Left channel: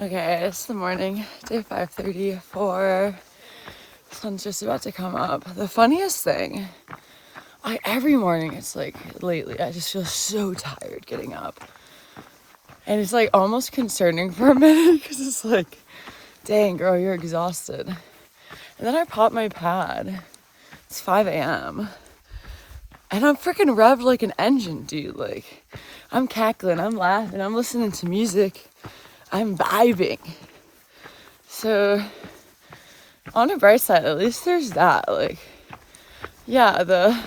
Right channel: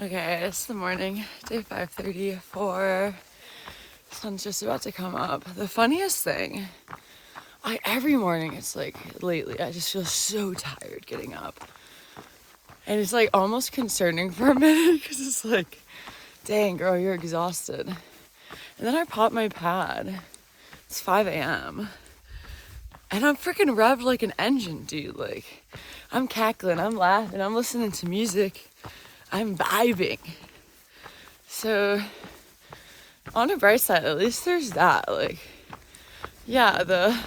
Okay, it's the morning, day 5:34. Sun's just about to come up. The funniest thing, every morning it's like lately, I just feel so tired getting up. And it's like almost concerning for a minute because it's like, dang girl, you're exhausted. And then I pop my pad. It's 5 a.m. And I'm freaking revved like an engine, dude. Like, I'm cackling, I'm laughing, I'm listening to music. I'm vibing. So, on a bright side, at least there's that. Like, yeah, the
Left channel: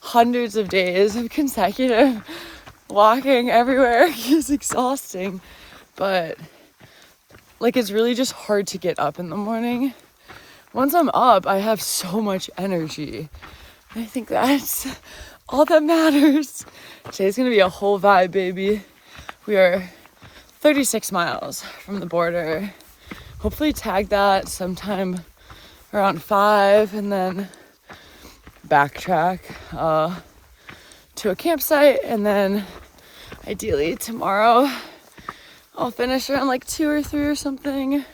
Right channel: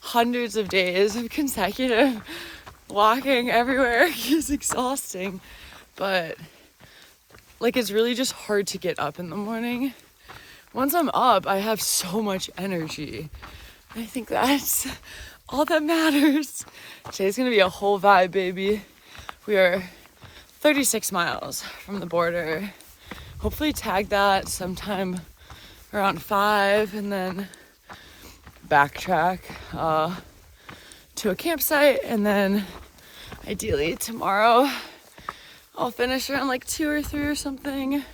hundreds of days of consecutive walking everywhere is exhausting. But, like, it's really just hard to get up in the morning. Once I'm up, I have so much energy. I think that's all that matters. Today's gonna be a whole vibe, baby. We are 36 miles from the border. Hopefully tag that sometime around 5 and then backtrack to a campsite, and then ideally tomorrow I'll finish around like 2 or 3 or something.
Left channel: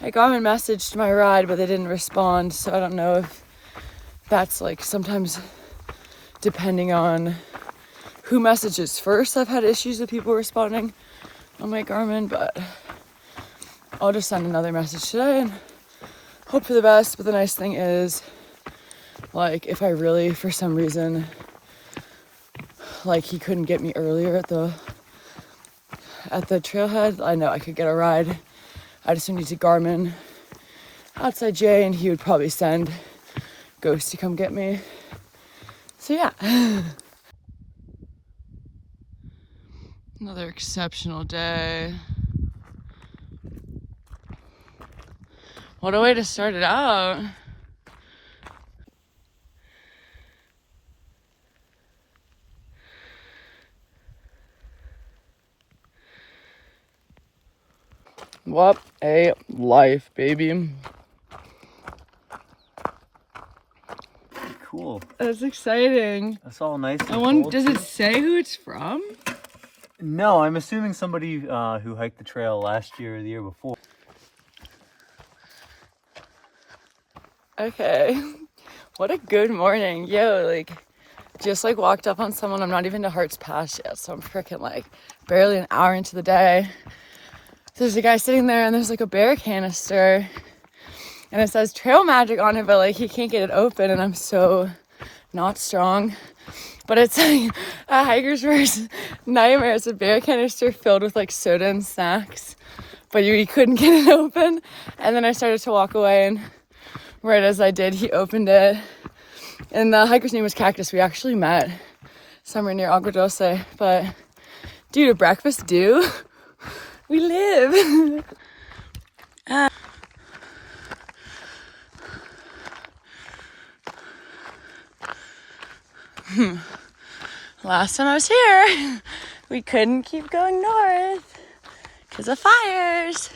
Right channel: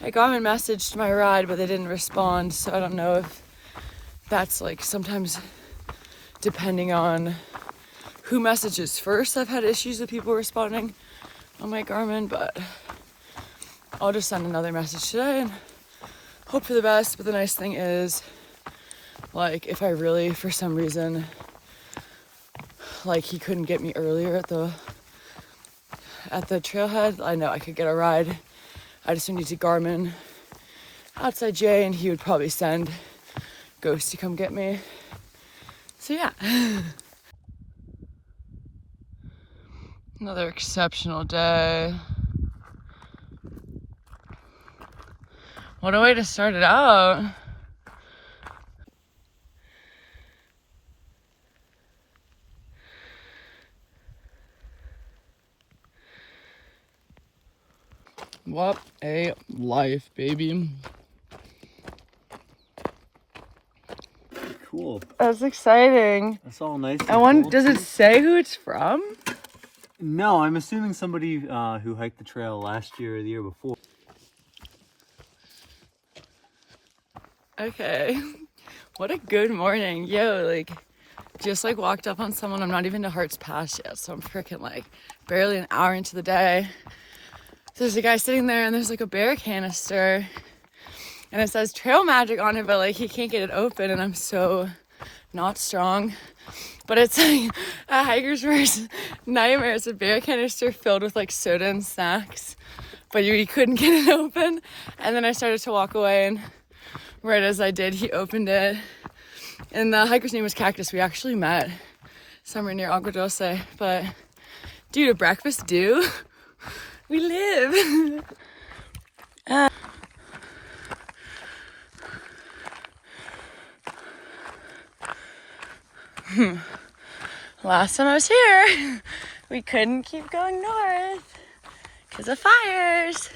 I got a message to my ride, but they didn't respond, so I don't know if that's like sometimes depending on who messages first. I've had issues with people responding on my Garmin, but I'll just send another message today and hope for the best. But the nice thing is, like, if I really, for some reason, like he couldn't get me earlier at the trailhead, I know I could get a ride. I just need to Garmin outside Jay, and he would probably send Ghost to come get me. So yeah. Another exceptional day. What a way to start it out. What a life, baby. Cool. That's exciting. That's all nice. Does it say who it's from? No, I'm assuming somebody who hiked the trail last year or the year before. Okay. What a good morning. Yo, like, just like walked up on someone. I'm not even to Hearts Pass yet, so I'm freaking like barely an hour into the day. So there's a guy sitting there, and there's like a bear canister, and it says Trail Magic on it, but like he can't get it open, and I'm so not strong. But it's like a hiker's worst nightmare. It's a bear canister filled with like soda and snacks, but you couldn't get it open. And then I started to walk away, and right as I did, he opened it. And the hiker's name was Cactus. We actually met somewhere near Agua Dulce. But dude, a breakfast due? We live. Last time I was here, we couldn't keep going north because of fires.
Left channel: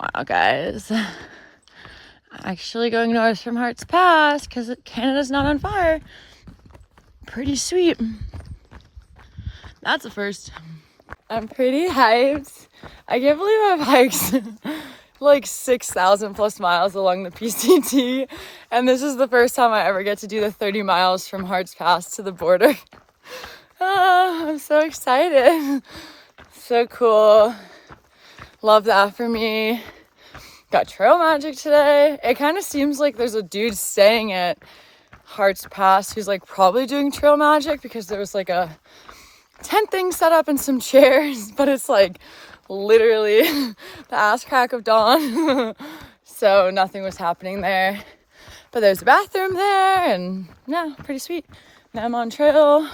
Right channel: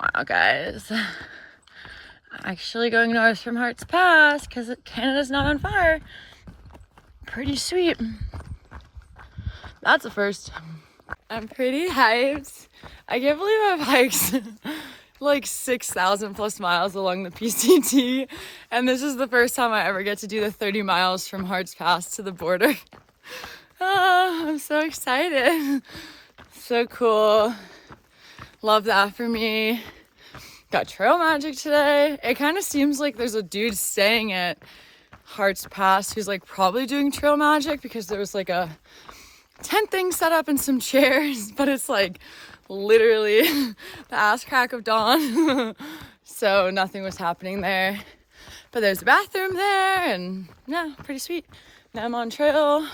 Wow, guys. I'm actually going north from Hearts Pass because Canada's not on fire. Pretty sweet. That's a first. I'm pretty hyped. I can't believe I've hiked like 6,000 plus miles along the PCT, and this is the first time I ever get to do the 30 miles from Hearts Pass to the border. I'm so excited. So cool. Love that for me. Got Trail Magic today. It kind of seems like there's a dude staying at Hearts Pass who's like probably doing Trail Magic, because there was like a tent thing set up and some chairs, but it's like literally the ass crack of dawn. So nothing was happening there. But there's a bathroom there, and yeah, pretty sweet. Now I'm on trail.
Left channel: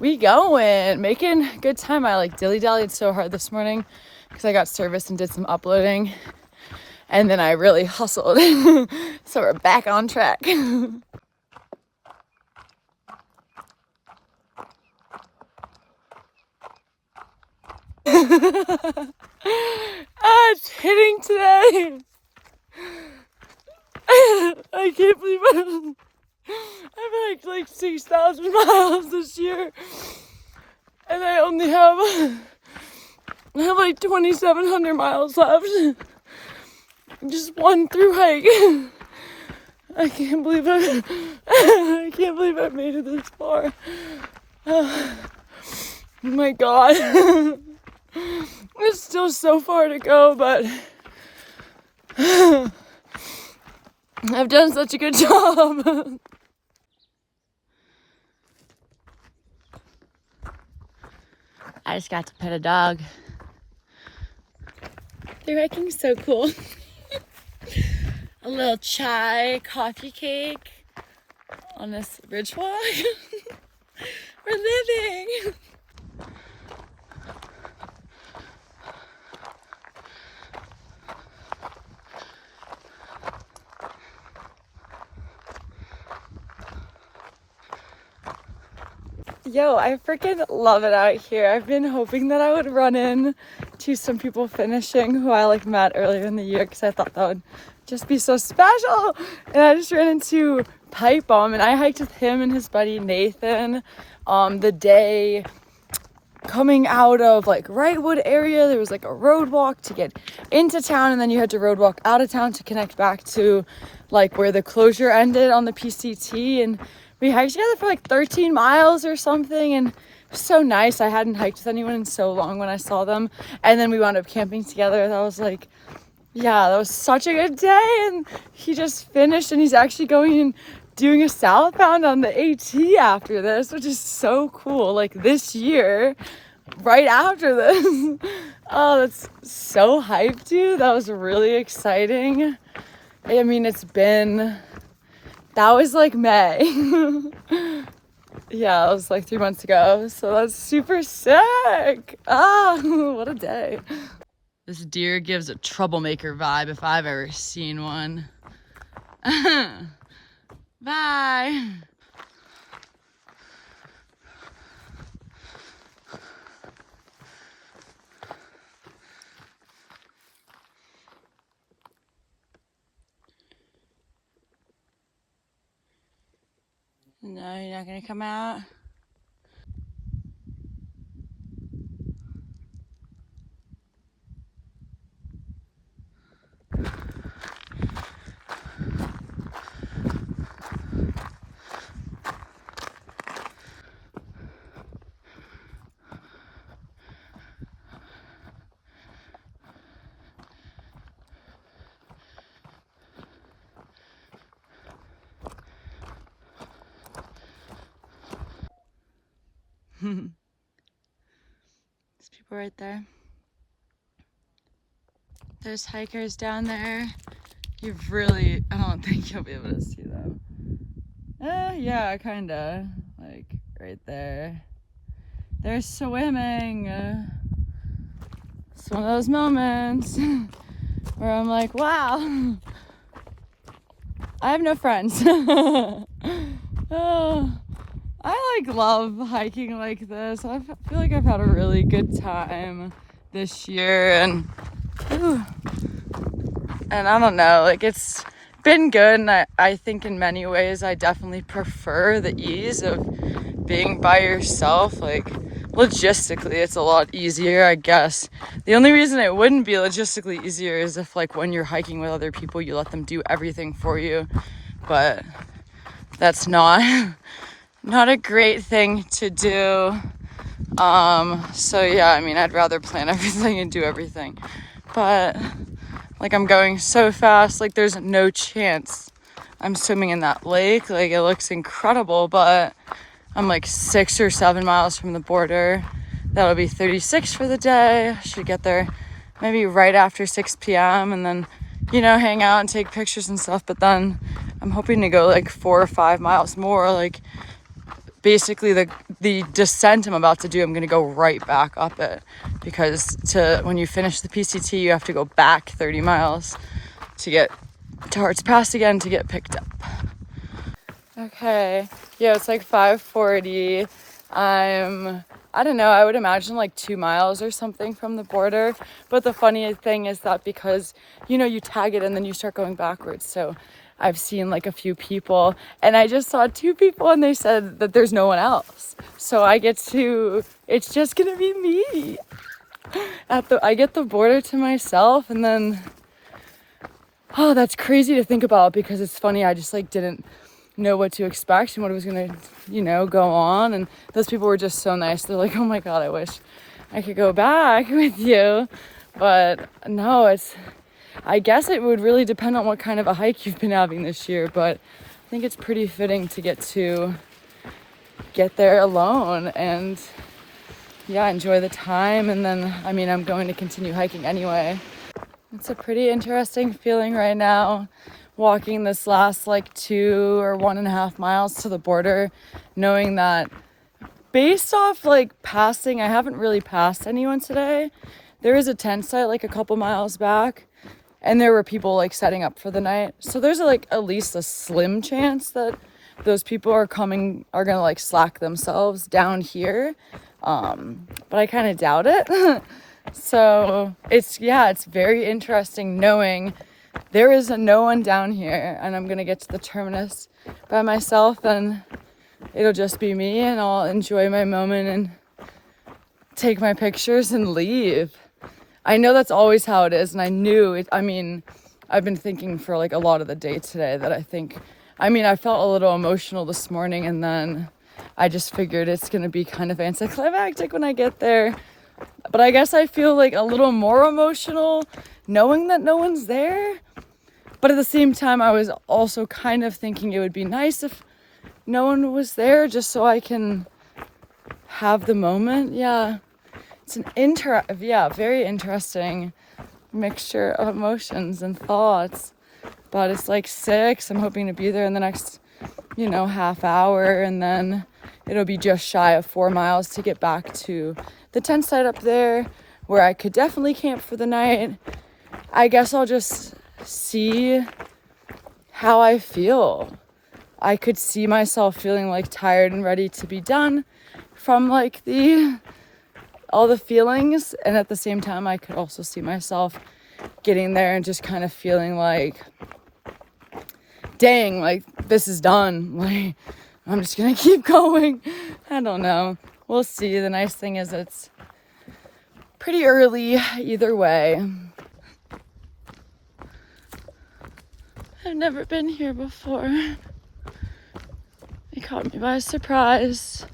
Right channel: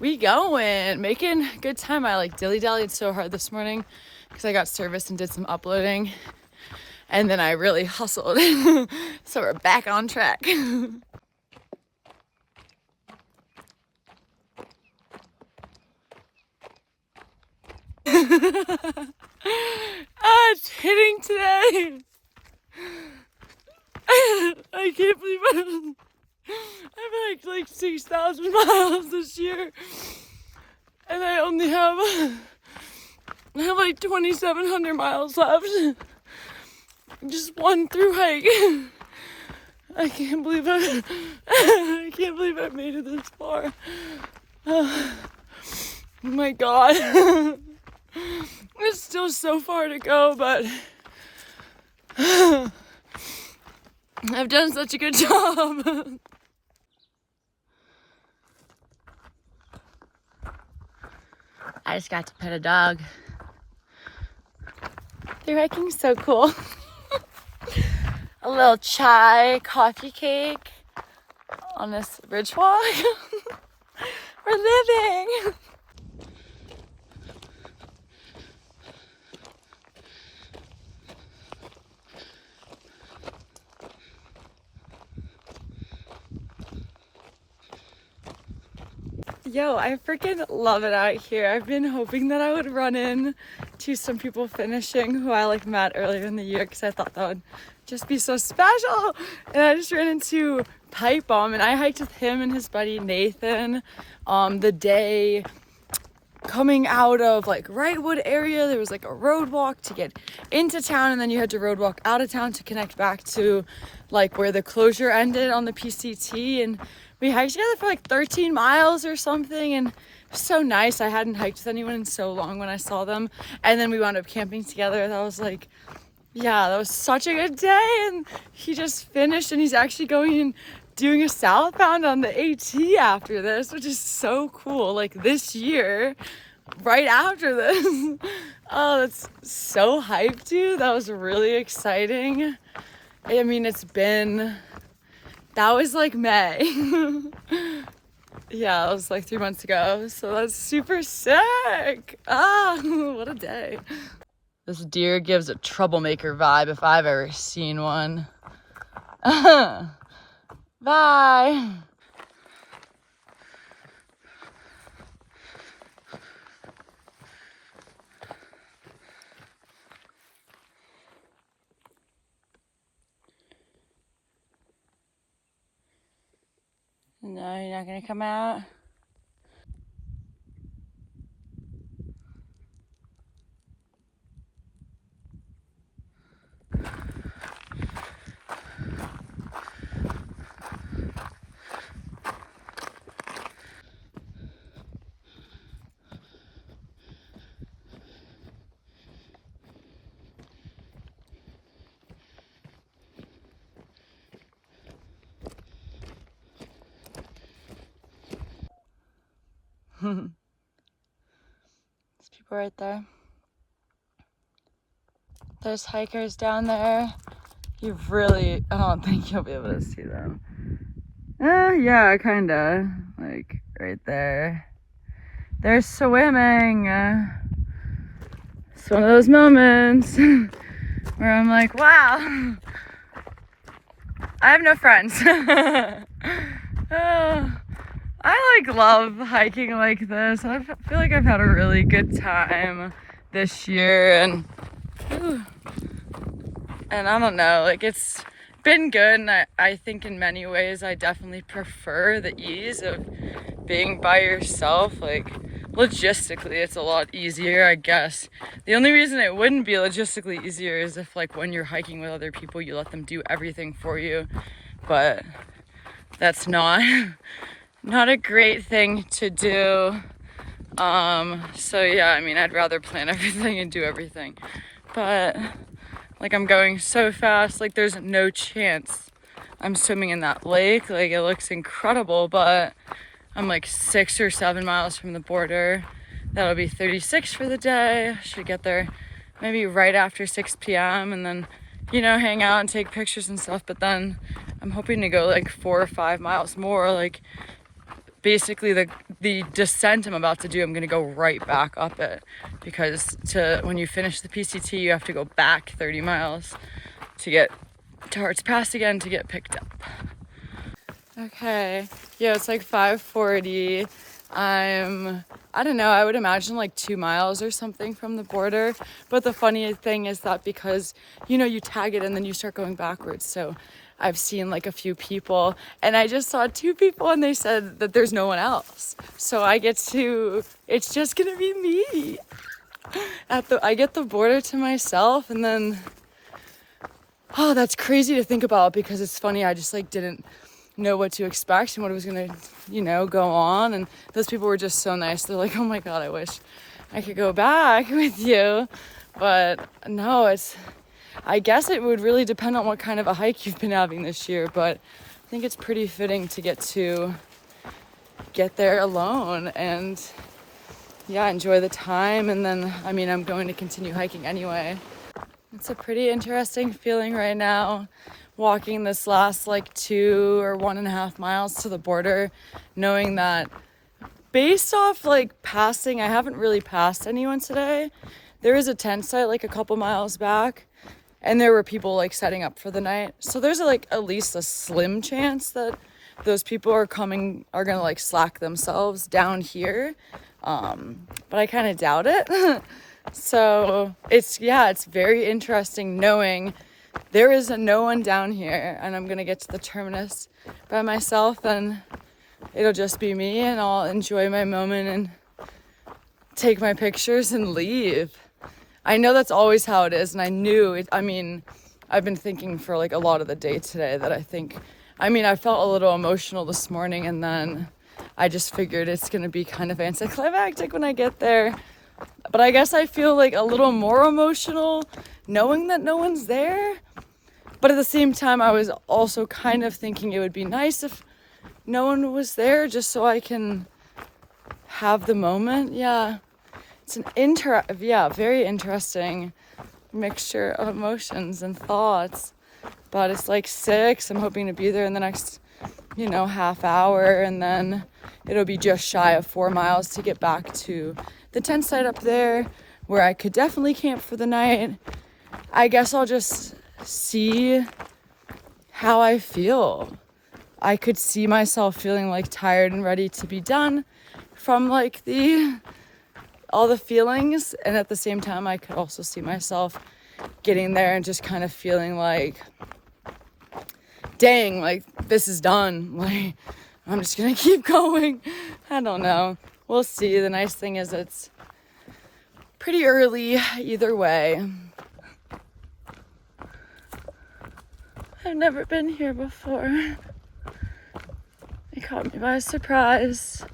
We going, making good time. I like dilly-dallied so hard this morning because I got service and did some uploading. And then I really hustled. So we're back on track. It's hitting today. I can't believe I've like 6,000 miles this year. And I only have like 2,700 miles left. Just one through hike. I can't believe I made it this far. Oh my God. There's still so far to go, but I've done such a good job. I just got to pet a dog. They're hiking so cool. A little chai coffee cake on this ridge walk. We're living. Yo, I freaking love it out here. I've been hoping that I would run in to some people finishing who I like met earlier in the year because I thought that would just be so special. And I just ran into Pipe Bomb and I hiked with him and his buddy Nathan the day coming out of like Wrightwood area. There was like a road walk to get into town and then you had to road walk out of town to connect back to like where the closure ended on the PCT. And we hiked together for like 13 miles or something and it was so nice. I hadn't hiked with anyone in so long when I saw them. And then we wound up camping together. That was like, yeah, that was such a good day. And he just finished and he's actually going and doing a southbound on the AT after this, which is so cool. Like this year, right after this. Oh, that's so hyped, dude. That was really exciting. I mean, that was like May. Yeah, that was like 3 months ago. So that's super sick. Ah, what a day. This deer gives a troublemaker vibe if I've ever seen one. Bye. No, you're not gonna come out? There's people right there. There's hikers down there. I don't think you'll be able to see them. Yeah, kinda. Like, right there. They're swimming. It's one of those moments where I'm like, wow, I have no friends. I like love hiking like this. I feel like I've had a really good time this year and I don't know, like it's been good and I think in many ways I definitely prefer the ease of being by yourself. Like logistically it's a lot easier, I guess. The only reason it wouldn't be logistically easier is if like when you're hiking with other people you let them do everything for you, but that's not a great thing to do. So yeah, I mean I'd rather plan everything and do everything, but like I'm going so fast, like there's no chance I'm swimming in that lake. Like it looks incredible, but I'm like 6 or 7 miles from the border. That'll be 36 for the day. Should get there maybe right after 6 p.m. and then, you know, hang out and take pictures and stuff. But then I'm hoping to go like 4 or 5 miles more. Like basically the descent I'm about to do, I'm gonna go right back up it because when you finish the PCT, you have to go back 30 miles to get to Hearts Pass again to get picked up. Okay, yeah, it's like 5:40. I don't know, I would imagine like 2 miles or something from the border. But the funny thing is that because, you know, you tag it and then you start going backwards. So I've seen like a few people, and I just saw 2 people and they said that there's no one else. So it's just gonna be me. I get the border to myself, and then, oh, that's crazy to think about because it's funny. I just like didn't know what to expect and what was gonna, go on. And those people were just so nice. They're like, oh my God, I wish I could go back with you. But no, I guess it would really depend on what kind of a hike you've been having this year. But I think it's pretty fitting to get there alone and yeah, enjoy the time. And then, I'm going to continue hiking anyway. It's a pretty interesting feeling right now, walking this last like 2 or 1.5 miles to the border, knowing that based off like passing, I haven't really passed anyone today. There is a tent site like a couple miles back, and there were people like setting up for the night. So there's like at least a slim chance that those people are gonna like slack themselves down here. But I kind of doubt it. So it's very interesting knowing there is no one down here, and I'm gonna get to the terminus by myself, and it'll just be me, and I'll enjoy my moment and take my pictures and leave. I know that's always how it is, and I knew it. I've been thinking for like a lot of the day today that I felt a little emotional this morning, and then I just figured it's gonna be kind of anticlimactic when I get there. But I guess I feel like a little more emotional knowing that no one's there. But at the same time, I was also kind of thinking it would be nice if no one was there just so I can have the moment. Yeah, it's very interesting mixture of emotions and thoughts. But it's like 6. I'm hoping to be there in the next, half hour, and then it'll be just shy of 4 miles to get back to the tent site up there where I could definitely camp for the night. I guess I'll just see how I feel. I could see myself feeling like tired and ready to be done from like all the feelings, and at the same time I could also see myself getting there and just kind of feeling like, dang, like this is done. Like I'm just gonna keep going. I don't know. We'll see. The nice thing is it's pretty early either way. I've never been here before. It caught me by surprise.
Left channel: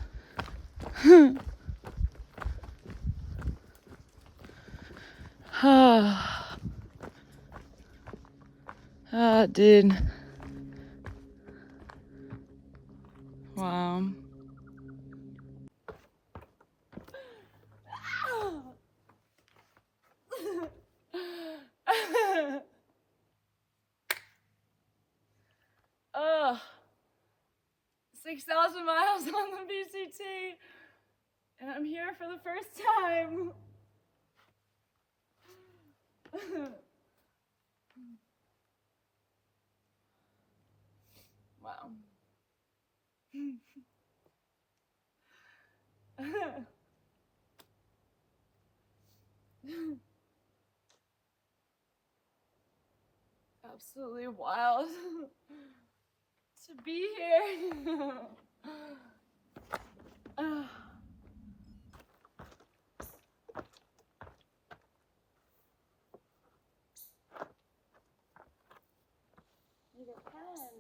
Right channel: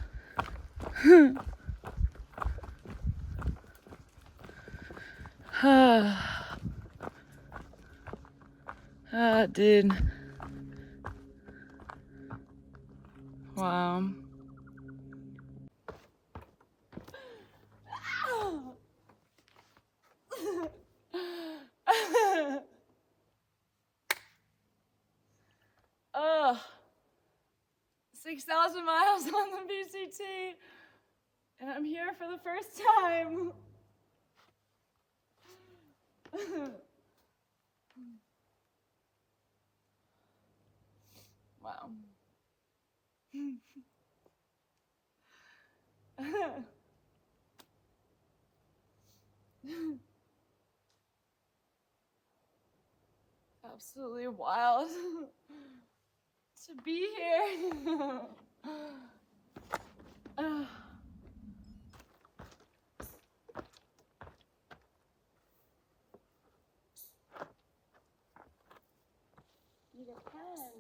Dude. Wow. Oh, 6,000 miles on the BCT, and I'm here for the first time. Wow. Absolutely wild to be here. Need a pen.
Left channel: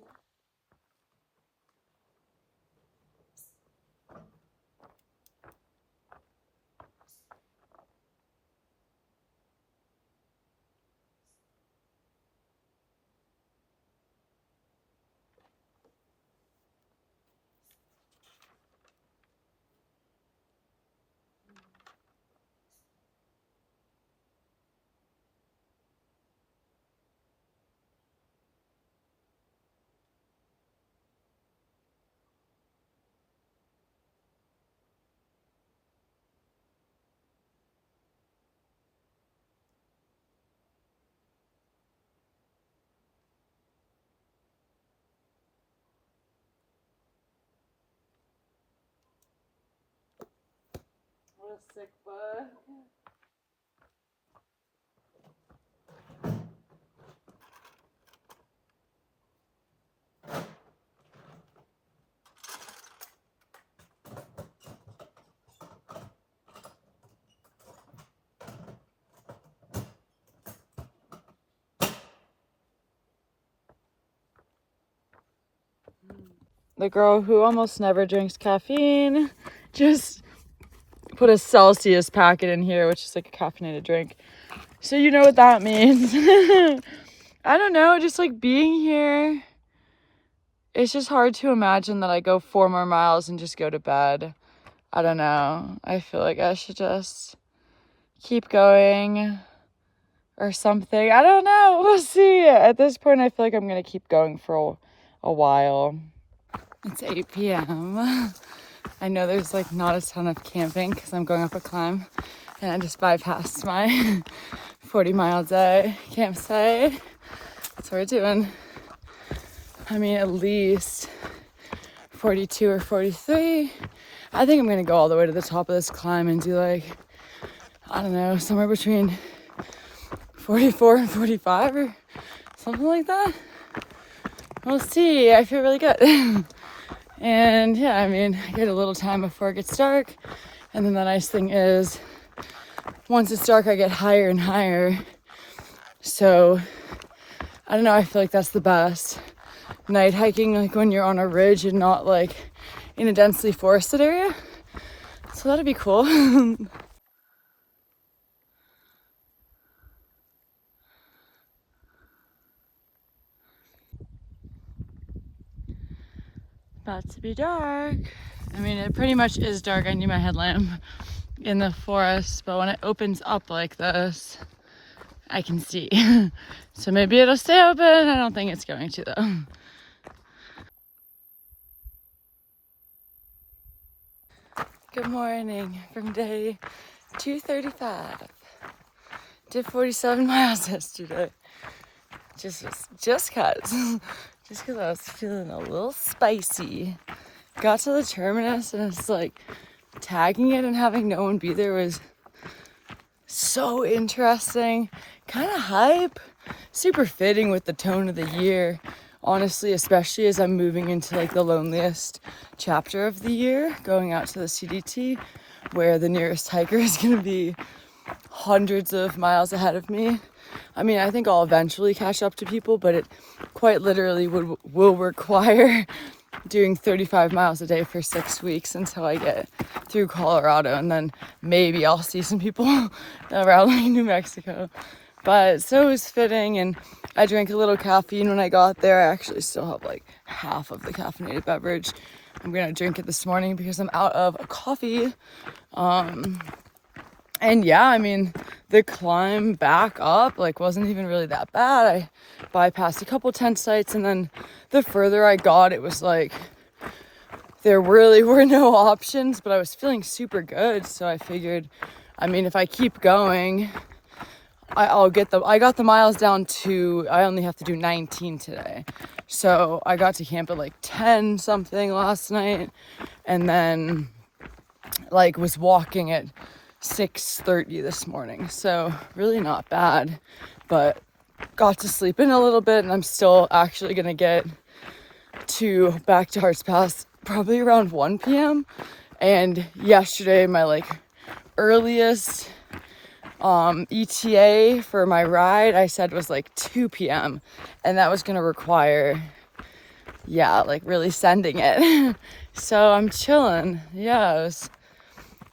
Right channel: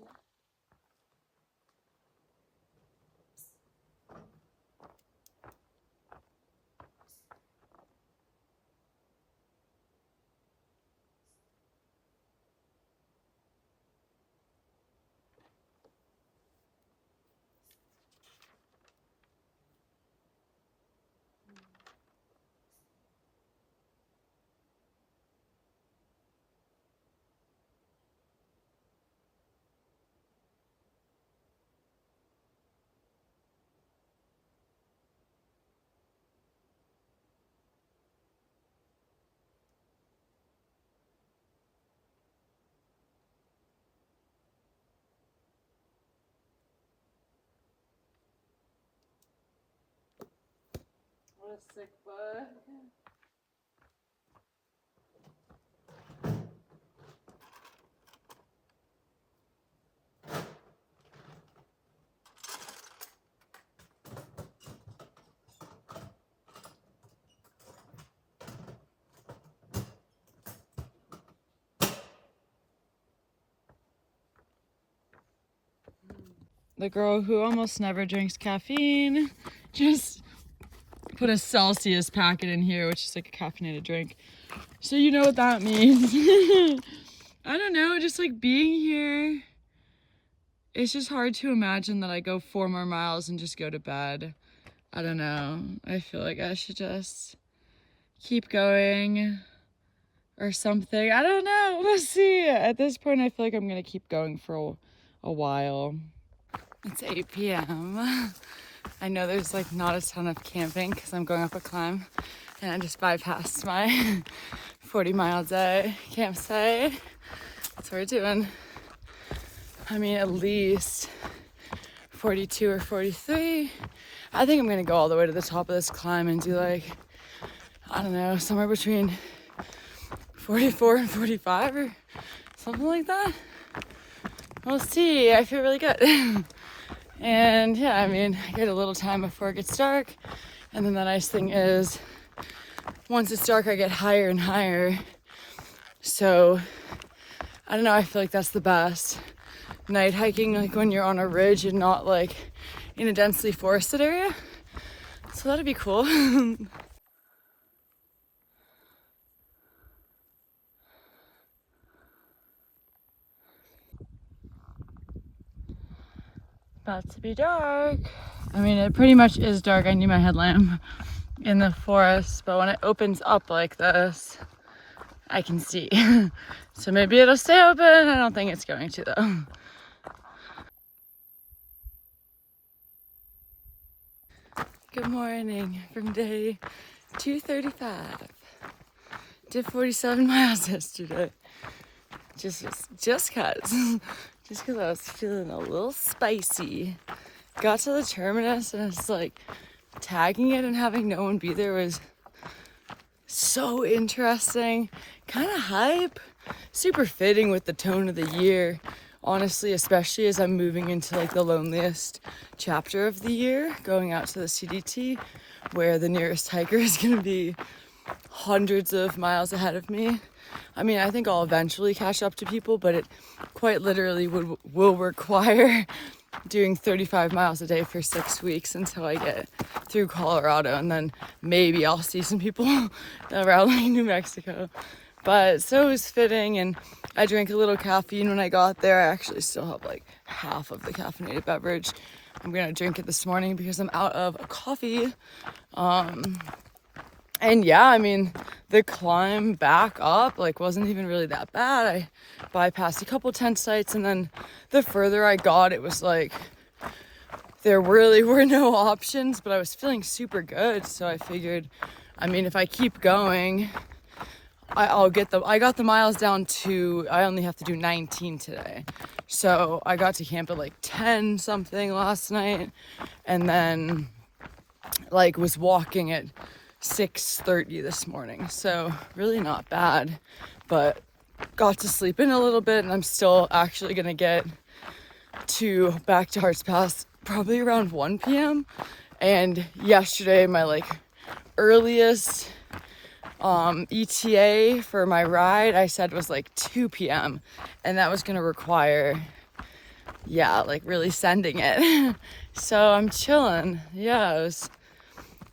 What a sick bug. the girl who almost never drinks caffeine, just put a Celsius packet in here, which is like a caffeinated drink. So you know what that means. I don't know, just like being here. It's just hard to imagine that I go 4 more miles and just go to bed. I don't know. I feel like I should just keep going or something. I don't know. We'll see. At this point, I feel like I'm going to keep going for a while. It's 8 p.m. I know there's like not a ton of camping because I'm going up a climb, and I just bypassed my 40-mile day campsite. That's what we're doing. I mean, at least 42 or 43. I think I'm gonna go all the way to the top of this climb and do like, I don't know, somewhere between 44 and 45 or something like that. We'll see. I feel really good. And yeah, I mean, I get a little time before it gets dark. And then the nice thing is, once it's dark, I get higher and higher. So, I don't know, I feel like that's the best. Night hiking, like when you're on a ridge and not like in a densely forested area. So that'd be cool. About to be dark. I mean, it pretty much is dark. I need my headlamp in the forest, but when it opens up like this, I can see. So maybe it'll stay open. I don't think it's going to though. Good morning from day 235. Did 47 miles yesterday. Just cause I was feeling a little spicy. Got to the terminus and it's like tagging it and having no one be there was so interesting. Kind of hype. Super fitting with the tone of the year. Honestly, especially as I'm moving into like the loneliest chapter of the year, going out to the CDT, where the nearest hiker is going to be hundreds of miles ahead of me. I mean, I think I'll eventually catch up to people, but it quite literally will require doing 35 miles a day for 6 weeks until I get through Colorado, and then maybe I'll see some people around like New Mexico. But so it was fitting, and I drank a little caffeine when I got there. I actually still have like half of the caffeinated beverage. I'm gonna drink it this morning because I'm out of coffee. And yeah, I mean, the climb back up like wasn't even really that bad. I bypassed a couple tent sites, and then the further I got, it was like there really were no options, but I was feeling super good. So I figured, I mean, if I keep going, I got the miles down to, I only have to do 19 today. So I got to camp at like 10 something last night, and then like was walking at 6:30 this morning. So really not bad, but got to sleep in a little bit, and I'm still actually gonna get back to Hearts Pass probably around 1 p.m. And yesterday my like earliest ETA for my ride I said was like 2 p.m. and that was gonna require like really sending it. So I'm chilling. Yeah,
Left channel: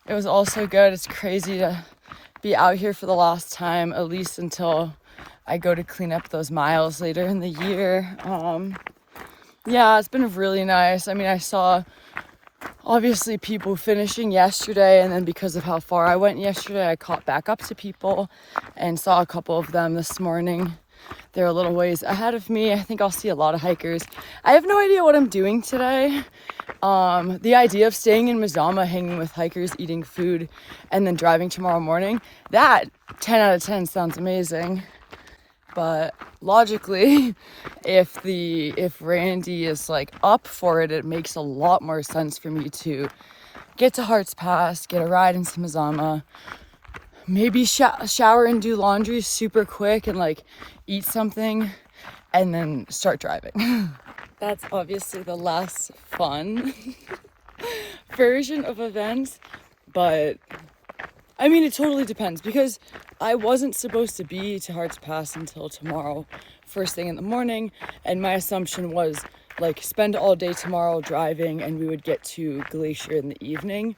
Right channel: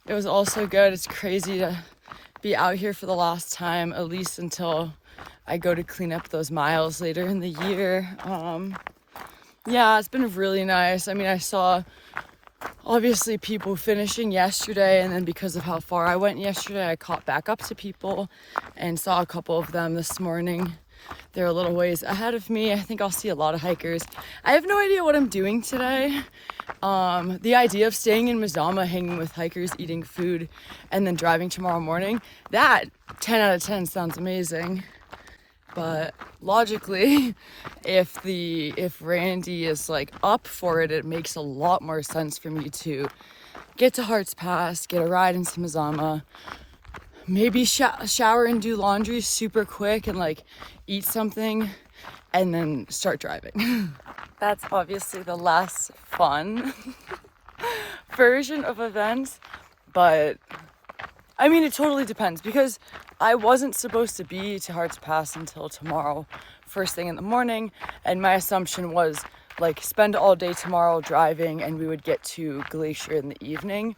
it was also good. It's crazy to be out here for the last time, at least until I go to clean up those miles later in the year. Yeah, it's been really nice. I mean, I saw obviously people finishing yesterday, and then because of how far I went yesterday, I caught back up to people and saw a couple of them this morning. They're a little ways ahead of me. I think I'll see a lot of hikers. I have no idea what I'm doing today. The idea of staying in Mazama, hanging with hikers, eating food, and then driving tomorrow morning, that 10 out of 10 sounds amazing. But logically, if Randy is like up for it, it makes a lot more sense for me to get to Hearts Pass, get a ride into Mazama, maybe shower and do laundry super quick and like eat something and then start driving. That's obviously the less fun version of events, but I mean, it totally depends because I wasn't supposed to be to Hearts Pass until tomorrow, first thing in the morning, and my assumption was like spend all day tomorrow driving, and we would get to Glacier in the evening.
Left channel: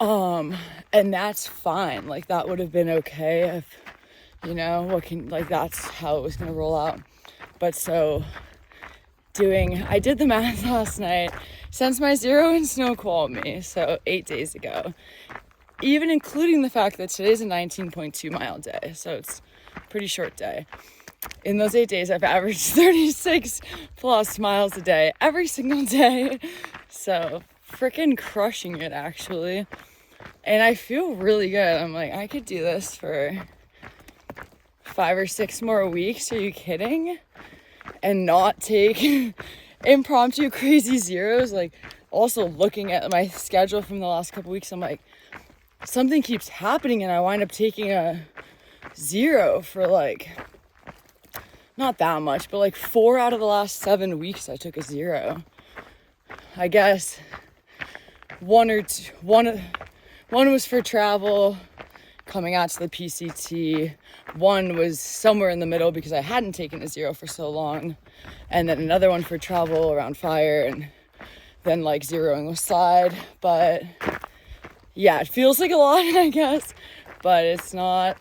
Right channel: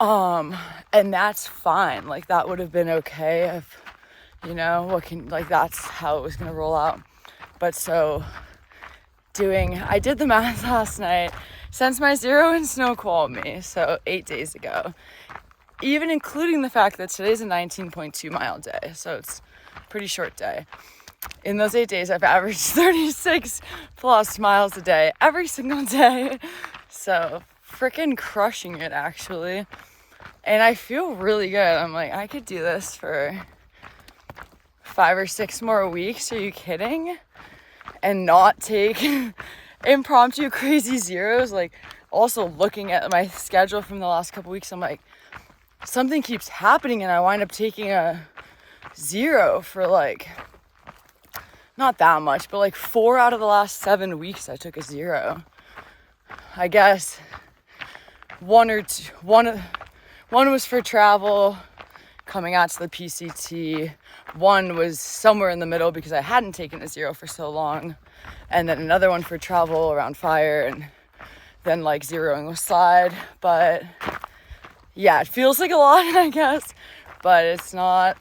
And that's fine. Like that would have been okay if, you know, like that's how it was gonna roll out. But so I did the math last night since my 0 and snow called me, so 8 days ago, even including the fact that today's a 19.2 mile day, so it's a pretty short day. In those 8 days, I've averaged 36 plus miles a day every single day. So freaking crushing it, actually. And I feel really good. I'm like, I could do this for 5 or 6 more weeks. Are you kidding? And not take impromptu crazy zeros. Like, also looking at my schedule from the last couple weeks, I'm like, something keeps happening and I wind up taking a 0 for like, not that much, but like 4 out of the last 7 weeks I took a 0. I guess one was for travel coming out to the PCT. One was somewhere in the middle because I hadn't taken a 0 for so long. And then another one for travel around fire, and then like zeroing with slide. But yeah, it feels like a lot, I guess, but it's not.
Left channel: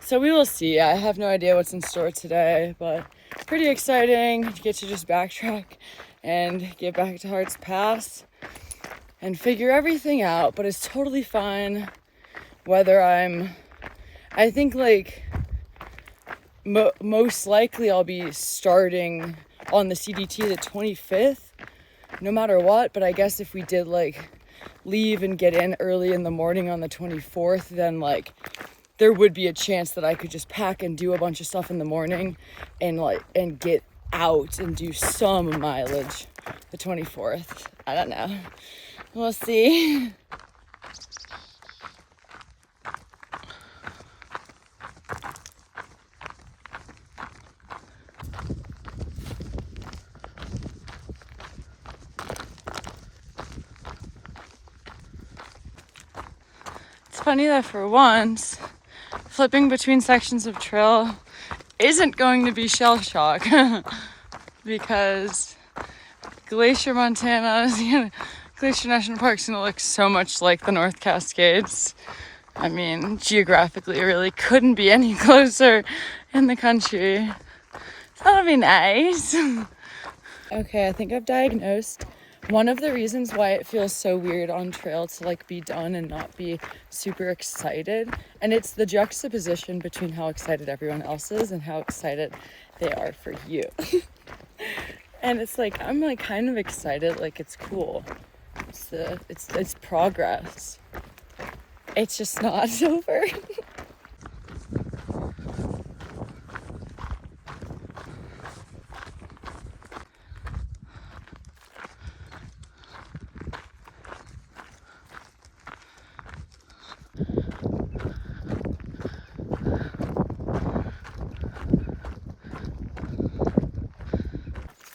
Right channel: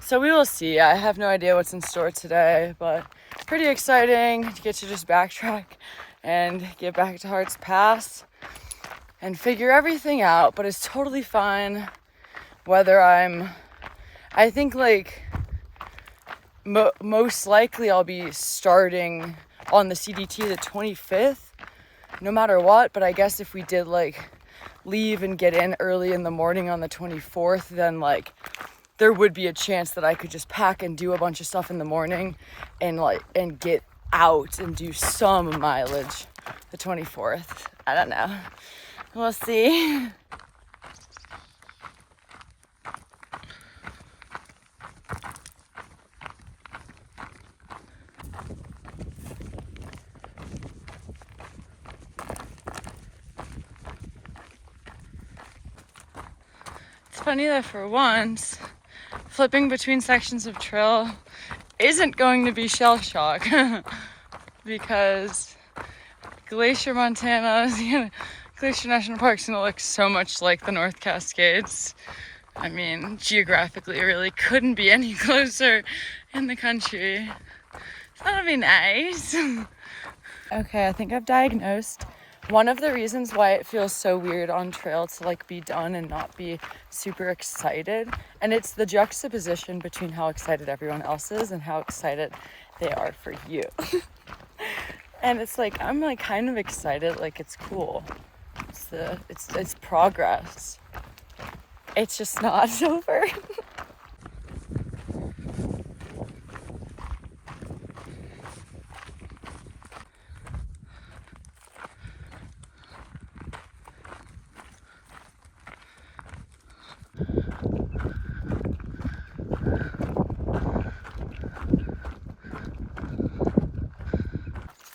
So we will see. I have no idea what's in store today, but pretty exciting to get to just backtrack and get back to Hearts Pass and figure everything out. But it's totally fine whether I think like most likely I'll be starting on the CDT the 25th, no matter what. But I guess if we did like leave and get in early in the morning on the 24th, then like there would be a chance that I could just pack and do a bunch of stuff in the morning and get out and do some mileage the 24th. I don't know. We'll see. It's funny that for once, flipping between sections of trail isn't going to be shell shock because Glacier, Montana, Glacier National Park is going to look so much like the North Cascades. I mean, geographically, it really couldn't be any closer in the country. So that'll be nice. Okay, I think I've diagnosed one of the reasons why it feels so weird on trail to like be done and not be super excited. And it's the juxtaposition between how excited everyone else is and how excited they are for you. And it's like, I'm like kind of excited, like it's cool. It's progress. It's just not over.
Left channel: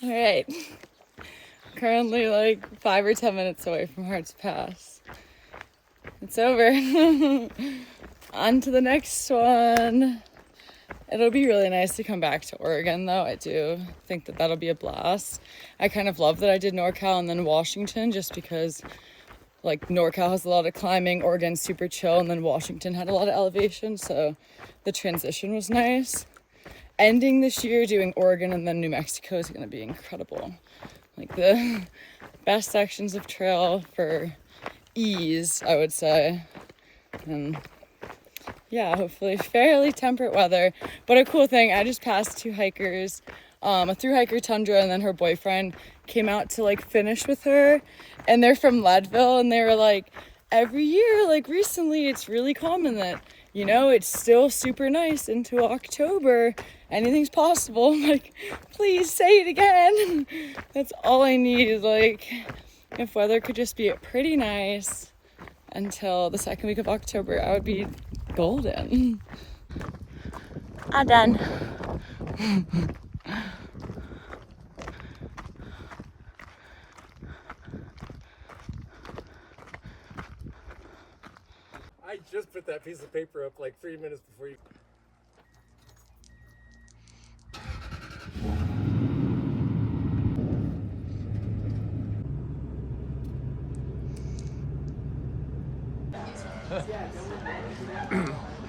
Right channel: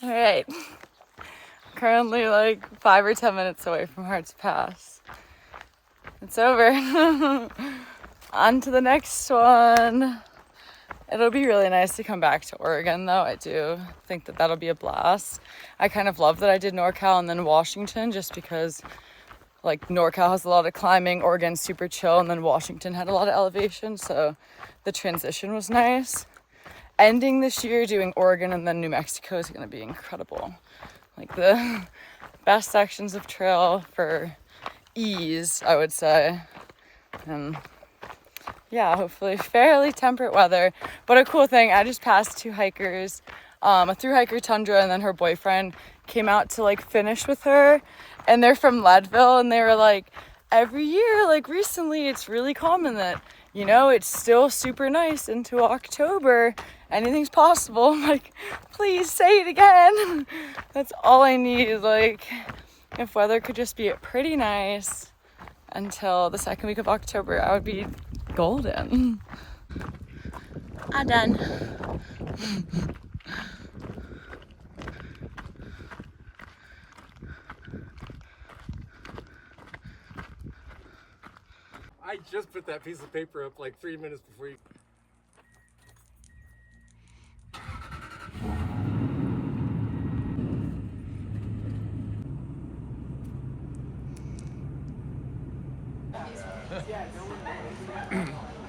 All right, currently like 5 or 10 minutes away from Hearts Pass. It's over. On to the next one. It'll be really nice to come back to Oregon though. I do think that that'll be a blast. I kind of love that I did NorCal and then Washington, just because like NorCal has a lot of climbing, Oregon's super chill, and then Washington had a lot of elevation, so the transition was nice. Ending this year doing Oregon and then New Mexico is going to be incredible. Like the best sections of trail for ease, I would say. And yeah, hopefully fairly temperate weather. But a cool thing, I just passed 2 hikers, a thru hiker, Tundra, and then her boyfriend came out to like finish with her. And they're from Leadville, and they were like, every year, like recently, it's really common that, you know, it's still super nice into October. Anything's possible. I'm like, please say it again. That's all I need. Like, if weather could just be pretty nice until the second week of October, I would be golden. I'm done. I just put that piece of paper up like 3 minutes before you.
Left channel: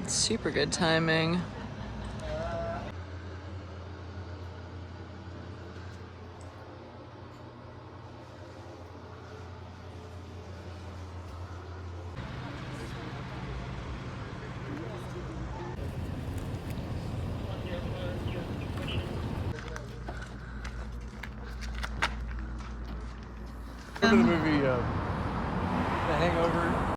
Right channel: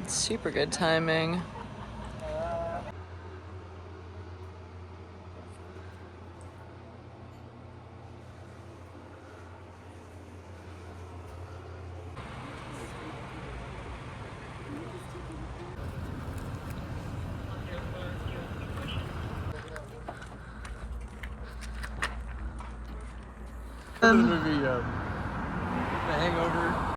Super good timing. The movie, The Hangover.